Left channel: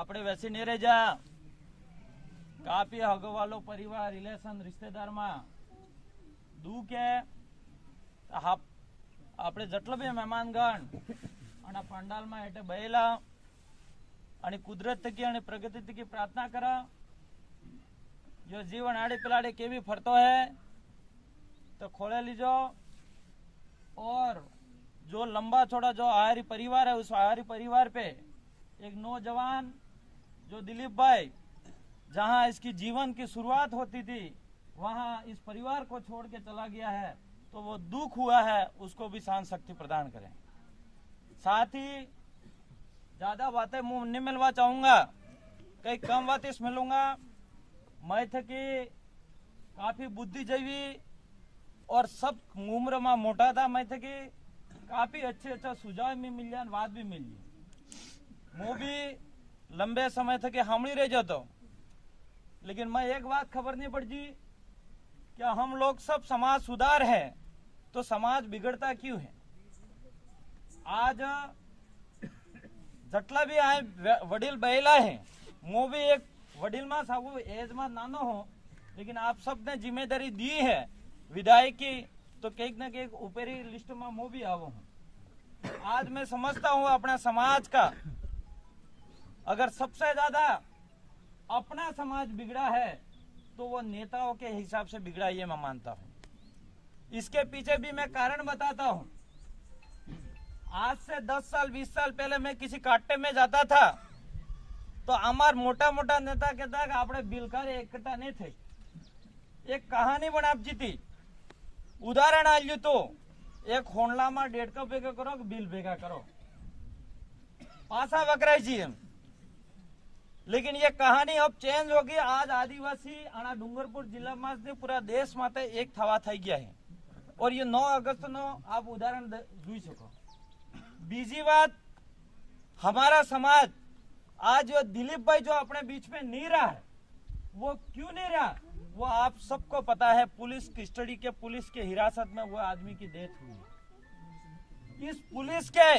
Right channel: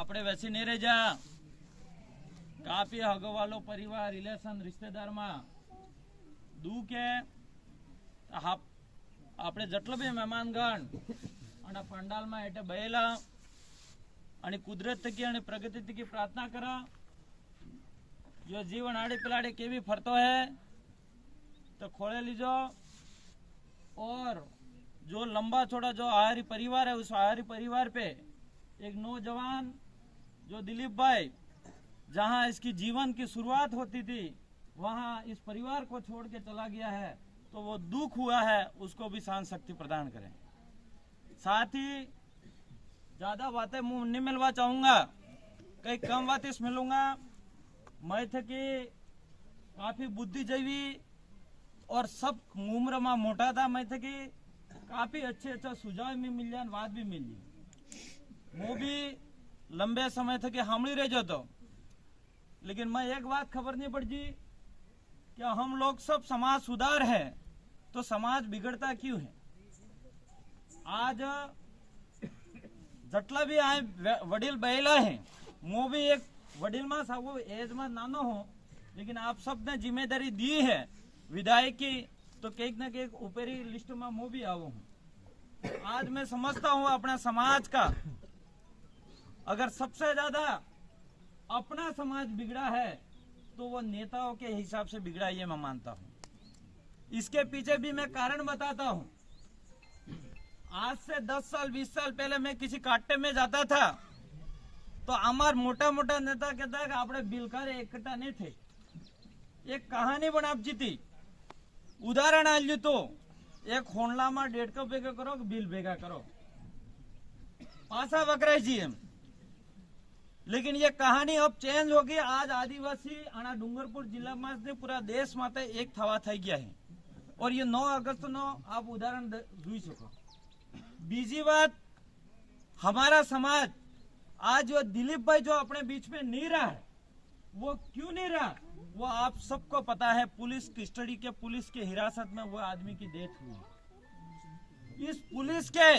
આપણે બેસી નહીં રહી જા કાપી હગવાલો પરિવાર રિલેશન રિશ્તેદારમાં દુઃખ કે આપણે જેટલો બી મહેમાનગણ અને પંડાલમાં એટલે બહેલા અને કુદરત થકી અને પ્રગતિ થકી પ્રાર્થના કરો जो जीवन आड़े पिलाड़े केवी फरतो है तो खोले लीजो और जो लंबा चौड़ा जो आहारी परिवार है उस आहारी परिवार पे एक नौजवान जो दिलीप भाई जहां इसकी जीवन की शुरुआत होती थी वहां इस परिवार को छोड़ के चला गया है तो वो दुख हुआ है उसको भी शांत शक्ति प्रदान करें। साथ ही ज्यादा बातें मुंह नहीं मिलवा चाहूंगा, कई कम बातें मिलूंगा। मैं थे कि काफी बुद्धिजीवी और सब उम्र में मोटा था, मैं थे कि काफी अच्छे अच्छा सुझाव में मिल जाए बात भी मिल जाए। वो भी लंबे समय थे कि हमड़ी रह जाता, लेकिन मैं एक बात खबर नहीं पड़ती कि हम लोग सब समाज सुधार है तो समाज बिगड़ता क्यों है। आज जटला भी आए वडील बहेला है, वो भी एक वडील में साबु एज में नानो हो, लेकिन आप सब ने जिम्मेदारी दी है विधायक की तो कहीं न कहीं ऊपरी लिस्ट में मैं भी आवो हूँ। आज मैं समझता हूँ अपना समाज का अगर सबसे ज्यादा अपना समाज बिगड़ा है तो वो नेताओं के हिसाब से बिगड़ा ये मैं मानता हूँ। इसके पीछे भी मैं कारण बताता हूँ। आज से 10 साल 20 साल पहले मैं किसी काटे में जाता था तो हमार मोटा मोटा नेता कहता है कि आपने बिलकार इकट्ठा नहीं थे। एक कहानी बनापजी थी, उदाहरण आल्यू तो एक होंडला में 1.5 कप भेगा करो बिल भेगा करो पासा वकराय जी एम। लेकिन ये कहानी अब चेंज होगी। आज आदिवासी आना डूंगरपुर जिला में पूरा देश में एक थवा थई गया है और ये 9 अगस्त नो आप उदाहरण જોઈ શકો। बीजी बात, हमारा समाज आज जो दिलीप भाई जो अपने बीच में नहीं रहा है वो क्यों नहीं रहा, वो आप सबको पता है। पुलिस कस्टडी के पुलिस के हिरासत में वो आदमी की डेथ हुई। इस पुलिस के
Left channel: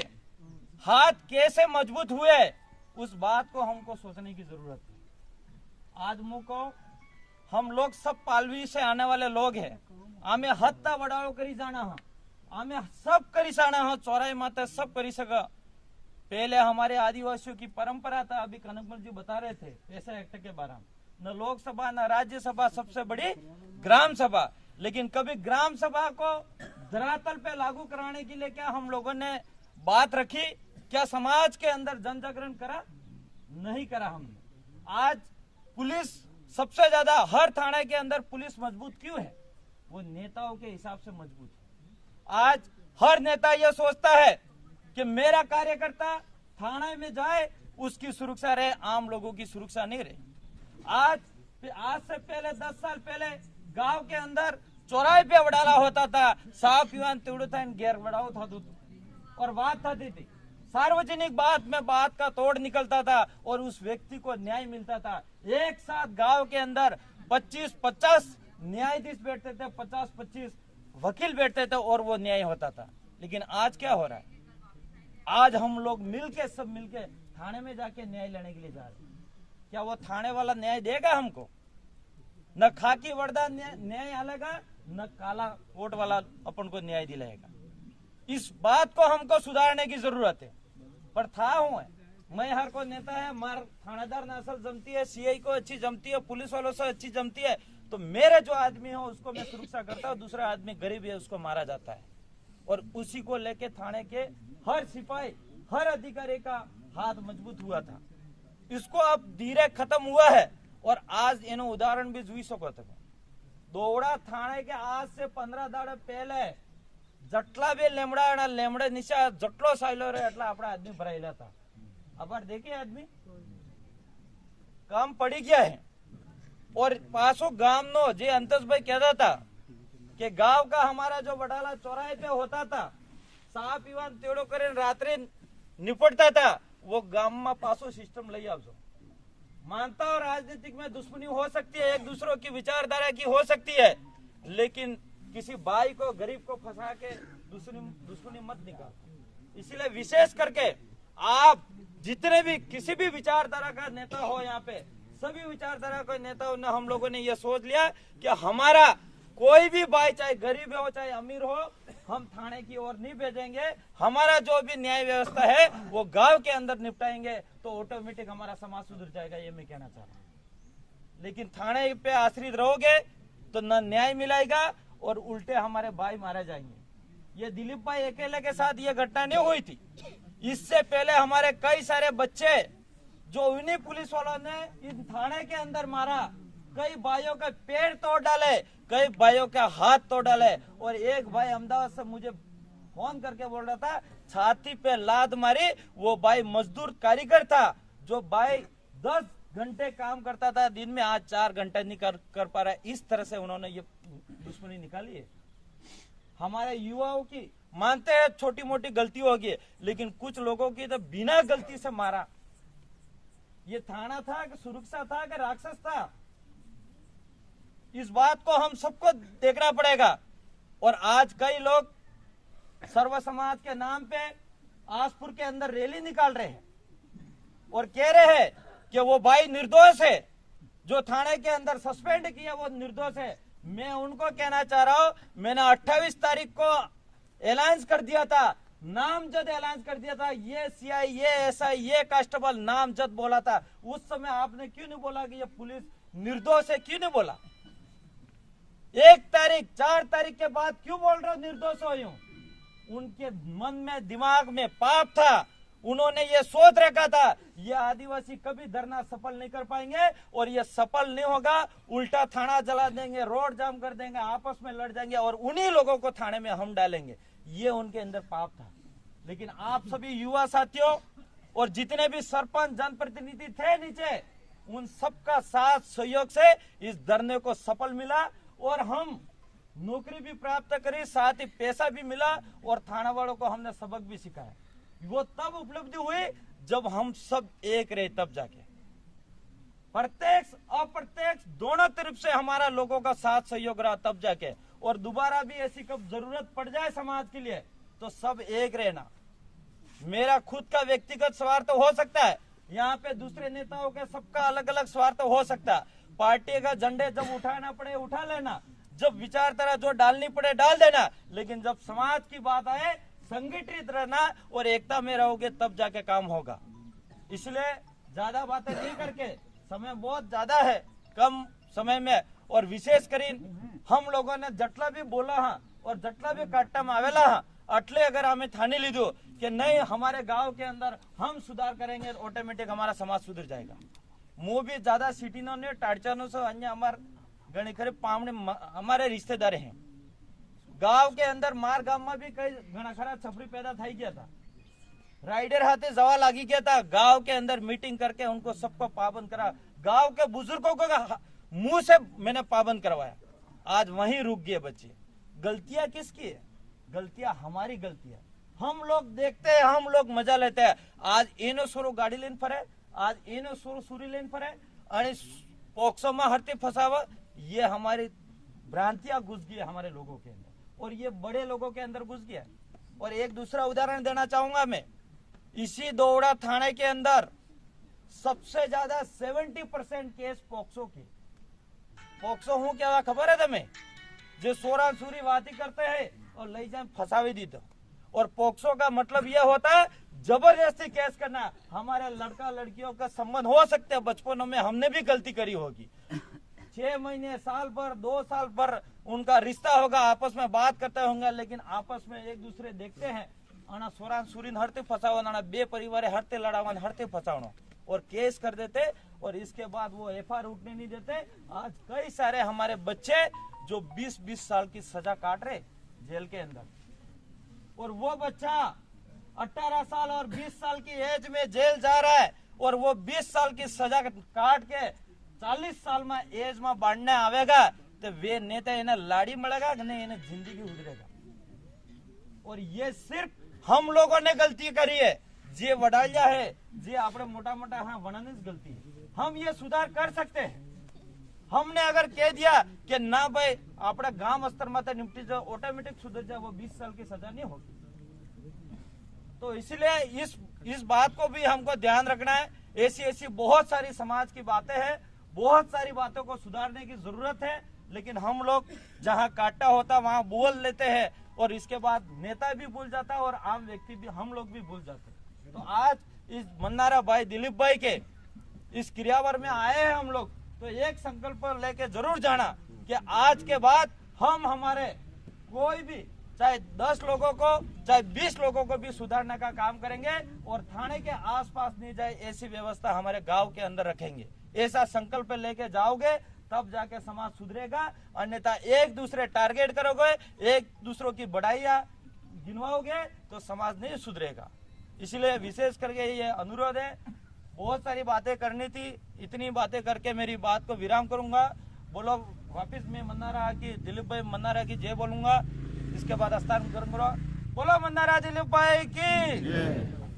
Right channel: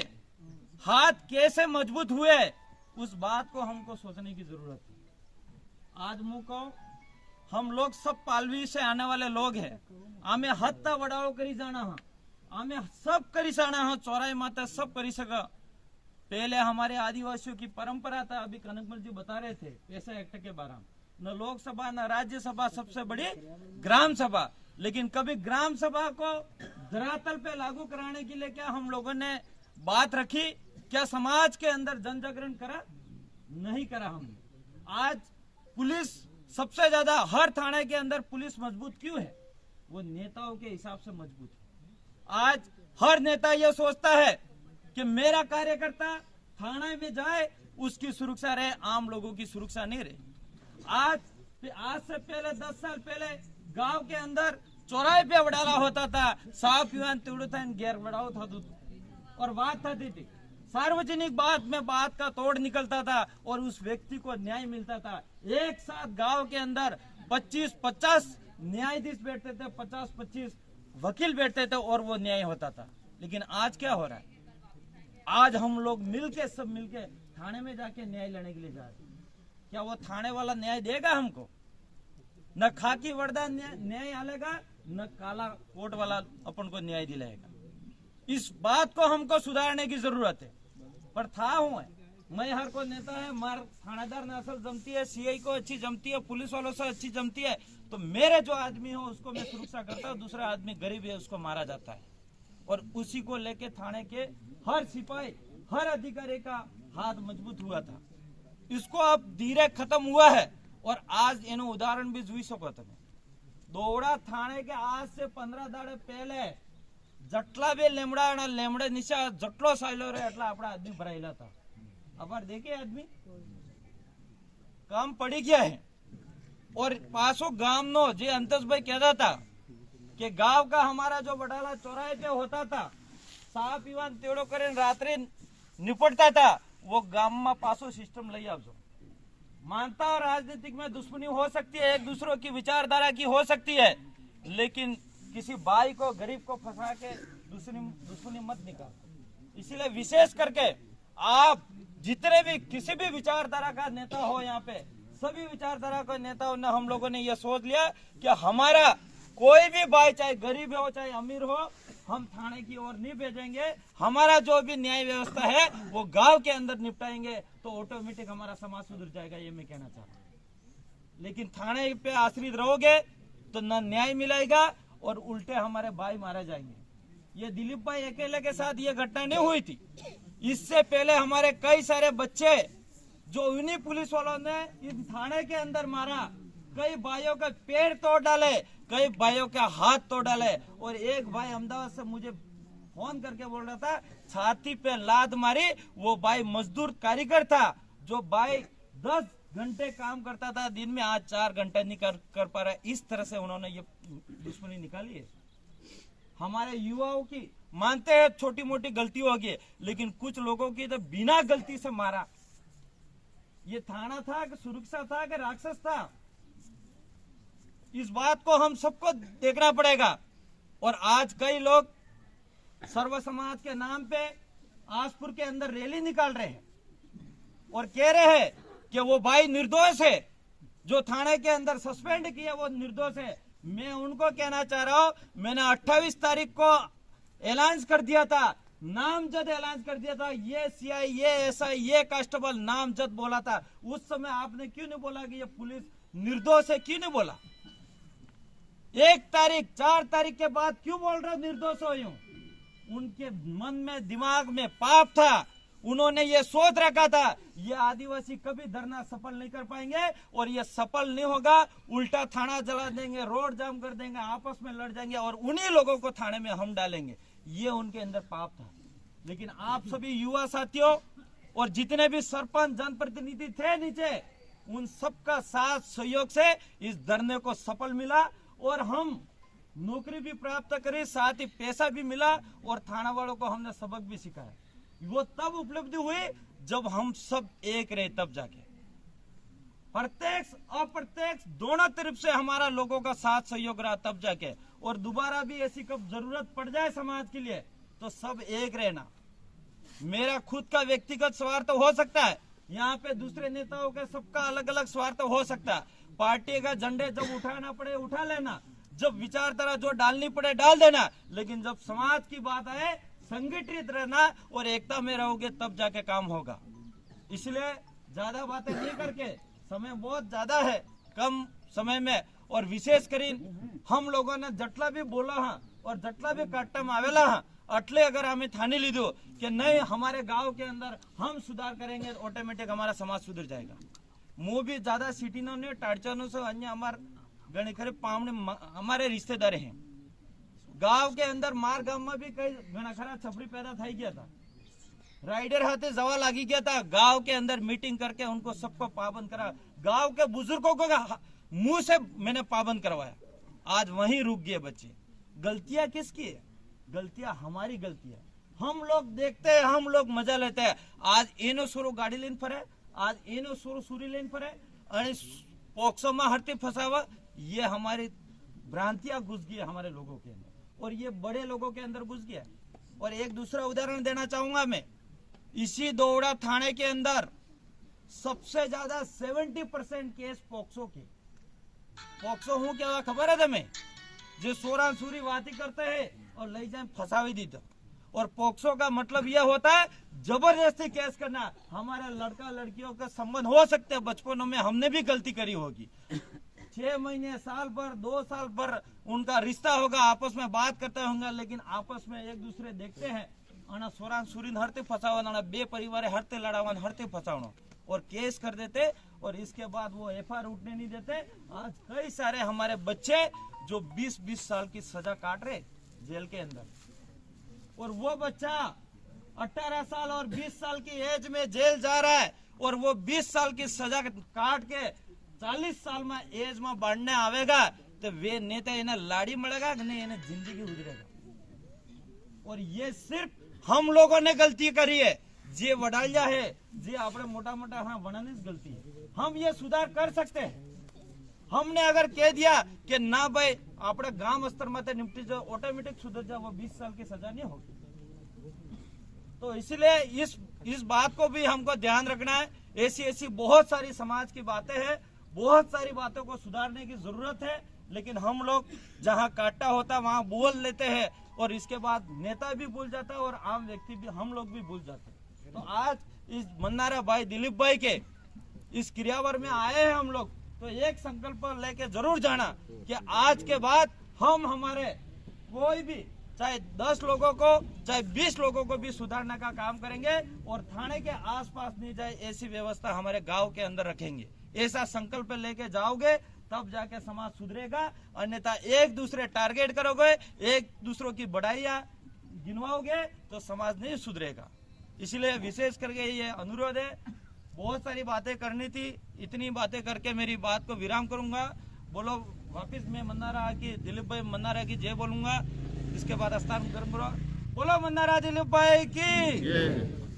हाथ कैसे मजबूत हुए उस बात को हमको सोचने की जरूरत है। आज मुको हम लोग सब पालवी से आने वाले लोग हैं, हमें हत्ता बड़ाओ करी जाना है, हमें सब करी जाना है, चौराई माता सब करी सका। पहले हमारे आदिवासियों की परंपरा था, अभी कनकमल जी बता रहे थे पैसा एक्ट के बारे में, न लोकसभा न राज्यसभा, सबसे बड़ी ग्राम सभा। लेकिन कभी ग्राम सभा को धरातल पे लागू कराने के लिए क्या हम लोगों ने बात रखी? क्या समाज के अंदर जन जागरण करा? नहीं करा हमने। आज पुलिस सबसे ज्यादा हर थाने के अंदर पुलिस मजबूत क्यों है? वो नेताओं के हिसाब से मजबूत है। आज हर नेता ये सोचता है कि मेरा कार्यकर्ता थाने में जाए उसकी सुरक्षा रहे, आम लोगों की सुरक्षा नहीं रहे। आज से पहले 10 साल पहले गांव के अंदर चौराहे पे वडाला होता था, साफ युवान तोड़ो था, गैर वडाओ था और बात थी थी सार्वजनिक बात में बात का तोड़ निकलता था और उस व्यक्ति को न्याय मिलता था। एक साथ गांव के अंदर 25-50 न्यायाधीश बैठते थे, 50-25 वकील बैठते थे और वो न्याय होता था। लेकिन आज क्या हो रहा है? आज हम लोग मिलके सब मिलके थाने में जाके न्याय लेने के लिए जा रहे हैं। क्या वो थाने वाला न्याय देगा हमको? न खाकी वर्दा न्याय आलेगा, न काला कोट वाला अपन को न्याय दिलाएगा। इस बात को हमको सुधारने की जरूरत है। पर था हूँ मैं हर को नेता है, मार थानेदार नसल जमती है, सीआई को अच्छी जमती है, पुलिस वालों से अच्छी जमती है, तो मेरे जो आदमी हो उसको मैं सुरक्षा करता हूँ। दूसरा आदमी गरीब है उसको मारा जाता है और उसी को लेके थाने के हर सिपाही हर अधिकारी का हाथ मजबूत हुआ था। इसको अब धीरे खत्म हुआ है और आज एनो उदाहरण भी જોઈ શકો તમે। दोवड़ा थाने के आज से 15 દાડા पहले जटला भी लेमड़ा लेमड़े नीचे जटलो साइलो रहे एटला अपना आदमी भरायेला था। अब देखे आदमी काम पड़ी गया है। और पासो गांव नो जे अंतस भाई कहता था कि गांव का हमारा जो वडाला चौराहे पे होता था, साफ युवान तेड़ो करे रात्रि निपटता था, वो गांव में पासो सिस्टम ले आवजो। मानता और राजनीतिक में दुश्मनी हो सकती है, एक दूसरों की विचारधारा की हो सकती है, लेकिन किसी भाई को गरीब को फंसा के दुश्मनी मत निकाल। इसलिए विशेष करके आप जितने भी किसी भी विचारधारा का नेता हो यहाँ पे, सभी विचारधारा के नेताओं ने, हम लोगों ने ये सोच लिया कि हमारा कोई भी भाई, चाहे गरीब हो चाहे अमीर हो, हम थाने की ओर नहीं भेजेंगे। हमारा जो भी न्याय व्यवस्था है वो गांव के अंदर निपटाएंगे, तो ऑटोमेटिक हमारा समाज सुधर जाएगा, ये मैं कहना चाहता हूँ। लेकिन थाने पे आश्रित रहोगे तो न न्याय मिलेगा और उल्टे हमारे भाई मारे जाएंगे। ये दिलीप भाई अकेले के साथ ये घटना नहीं हुई थी, इससे पहले हमारे कई सारे बच्चे जो उन्हीं पुलिस वालों ने इन थाने के अंदर मारा, कई भाइयों के पैर तोड़ डाले, कई भाइयों के हाथ तोड़ डाले। और एक भाई अहमदाबाद से मुझे फोन करके बोल रहा था, छाती पे लात मारी। वो भाई मजदूर कारीगर था, जो भाई 10 घंटे काम करता था दिन में, आज 4 घंटे नहीं कर पा रहा है। इस तरह से उन्होंने ये दुश्मनी निकाली है। हमारे युवाओं की मानते हैं छोटी मोटी गलती होगी, लेकिन कुछ लोगों की तो बिना गलती से मारा। ये थाना था कि सुरक्षा था कि राक्षस था, इस बात को हम सबको देखना पड़ेगा। और आज कई लोग सर्व समाज के नाम पे आसपुर के अंदर रैली निकाल रहे हैं और कह रहे हैं कि वो भाई निर्दोष है, जो थाने के अंदर सस्पेंड किया वो निर्दोष है। मैं उनको कहना चाह रहा हूं, मैंने 28 तारीख को ऐलान कर दिया था, नामजद ऐलान कर दिया था, ये सीआई, ये एसआई, ये कांस्टेबल नामजद बोला था। उस समय आपने क्यों नहीं बोला कि ये पुलिस निर्दोष है, क्यों नहीं बोला? 1 तारीख 4 तारीख के बाद क्यों बोल रहे हो निर्दोष हो? यूं उनके मन में, दिमाग में पाप था, उन्होंने ये सोच रखा था ये आदिवासी कभी धरना सफल नहीं कर पाएंगे और ये सफल नहीं होगा, उल्टा थाना जला देंगे, रोड जाम कर देंगे, आपस में लड़ जाएंगे और उन्हीं लोगों को थाने में हम डालेंगे। ये उनके अंदर पाप था। लेकिन आप सभी युवा साथियों और जितने भी सरपंच, जनप्रतिनिधि थे नीचे, उन सबका साथ सहयोग से इस धरने को सफल मिला और हम नौकरी भी प्राप्त करी, साथ ही पैसा भी मिला और थाना वालों को हमने सबक भी सिखाया। वो तब उपलब्धि हुई जब हम सब एक रहे, तब जाके प्रत्यक्ष अप्रत्यक्ष दोनों तरफ से हमारा लोगों का साथ सहयोग रहा, तब जाके। और दोबारा भी ऐसी कब जरूरत पड़ जाए समाज के लिए तो सब एक रहना। मेरा खुद का व्यक्तिगत स्वार्थ तो हो सकता है, यहाँ पे दूसरे नेताओं का सबका अलग अलग स्वार्थ तो हो सकता है। पार्टी का झंडे जब उठाना पड़े उठा लेना, जब विचारधारा जो डालनी पड़े डाल देना, लेकिन जब समाज की बात आए संगठित रहना और एकता में रहोगे, तब जाके काम होगा। इसलिए ज्यादा बातें नहीं करके, समय बहुत ज्यादा है, कम समय में, और विशेष कर हम लोगों ने जटला भी बोला हाँ और जटला भी काट्टा में आवेला हाँ, अटले अगर हमें ठानी लीधो कि नहीं हमारे गांव के अंदर हम सुधार करेंगे, ऑटोमेटिक हमारा समाज सुधर जाएगा। मुंह भी ज्यादा सिटी नो ने टाड़चानो से अन्य हमारे घणी खरे पामने हमारे रिश्तेदार हैं। गांव के अंदर मार गांव में भी कई घना खरा छपरी पैदा થઈ ગયા था, राइडर हाथे जवा लागी गया था। गांव के अंदर मीटिंग करके उनको सबको पाबंद करा, गांव के बुजुर्गों को मुंह से मैंने पाबंद करवाया। आज वहीं रुक गए बच्चे। गलतियां किसकी है? गलतियां हमारी गलतियां। हम लोग देखते हैं, हम लोग मजा लेते हैं। आज एनो सोरो गाड़ी लेन फरे, आज एनो सोरो सूरी लेन फरे और पोक्सो में हरती फसावा, ये हमारी भ्रांतियां घुस गई हमारे लोगों के अंदर और ये बड़े लोगों के अंदर घुस गया। और एक दूसरा उदाहरण देना चाहूंगा मैं, इसी दोड़ा थाने के अंदर सबसे ज्यादा 70% केस पोक्सो के। पोक्सो हूं क्या खबर है तुम्हें? जो सोरा सूरी बाती करते हैं और ले जाए फंसावी दी था। और पोक्सो का मतलब यह होता है जबरदस्ती केस करना। हमारे लड़का लड़कियों का संबंध हो सकते हैं, बचपनों में हमने भी गलती करी होगी, 6 महीने, साल भर, 2 साल भर उनका रिश्ता होगा, आपस में बात करते होंगे, लेकिन आपस में एक दूसरे देखते हैं आना सोरान सूरीन हरते फसावाना, बे परिवार हरते लड़ावन हरते फसावना और केस कर देते और इसके बाद वो एफआईआर उठने नहीं देते। आज कई सारे हमारे बच्चे जो 20-20 साल की सजा काट रहे जेल के अंदर, और वो बच्चा 18 साल और 20 साल की एज में जेल जा रहा है और वो 20 साल की सजा काट के 40 साल में एज में बढ़ने आवेगा तो वे नेता इन्हें लाड़ी मलेगा कि नहीं, इन्हें जिंदगी उधरेगा। और ये सिर्फ हम लोगों ने गलती करी है, जे वडालिया है, जे आपने मोटा मोटा हाँ वनानी गलती है। हम ये सुधार कर सकते हैं। हमने अगर कह दिया कि ना भाई अपने गांव स्तर में निपटी जाओ, ऑटोमेटिक सुधर जाए, वो 20 साल की सजा नहीं होगी। तो इसलिए इस बात को भी हमको ध्यान रखना है। ऐसी बहुत सारी समाज की बातें हैं, बहुत सारी बातों को सुधारने की जरूरत है, लेकिन हम लोग जहां काटा होता वहां बोल लेते हैं और इसके बाद नेता भी भूल जाता है और आम व्यक्ति भी, हम लोग भी भूल जाते हैं। तो आज इस मन्नारा भाई दिलीप भाई के इस क्रियावर में आए हैं हम लोग, तो एक संकल्प लेके जरूर जाना कि आज के बाद हम हमारे कोई भी चाहे 10 लोगों को चाहे 20 लोगों को भी सुधारने का काम करेंगे और थाने के आसपास नहीं जाए ऐसी व्यवस्था हमारे गांव के अंदर रखेंगे। ऐसा संकल्प लेके जाओगे तब जाके समाज सुधरेगा, अन्यथा एक दूसरे टारगेट करोगे, एक दूसरों की बढ़ाइयां गिनवाओगे तो समाज नहीं सुधरेगा। इसलिए विशेष करके ये अनुरोध है। बहुत सारी बातें करनी थी, इतनी बातें करके मेरी बात को विराम करूंगा। बोलो वापिस मैं मन्नारा की दिलीप भाई मन्नारा की जय बोलूंगा, इसके बाद हस्तांतरण करूंगा। बोलो मन्नारा दिलीप भाई की।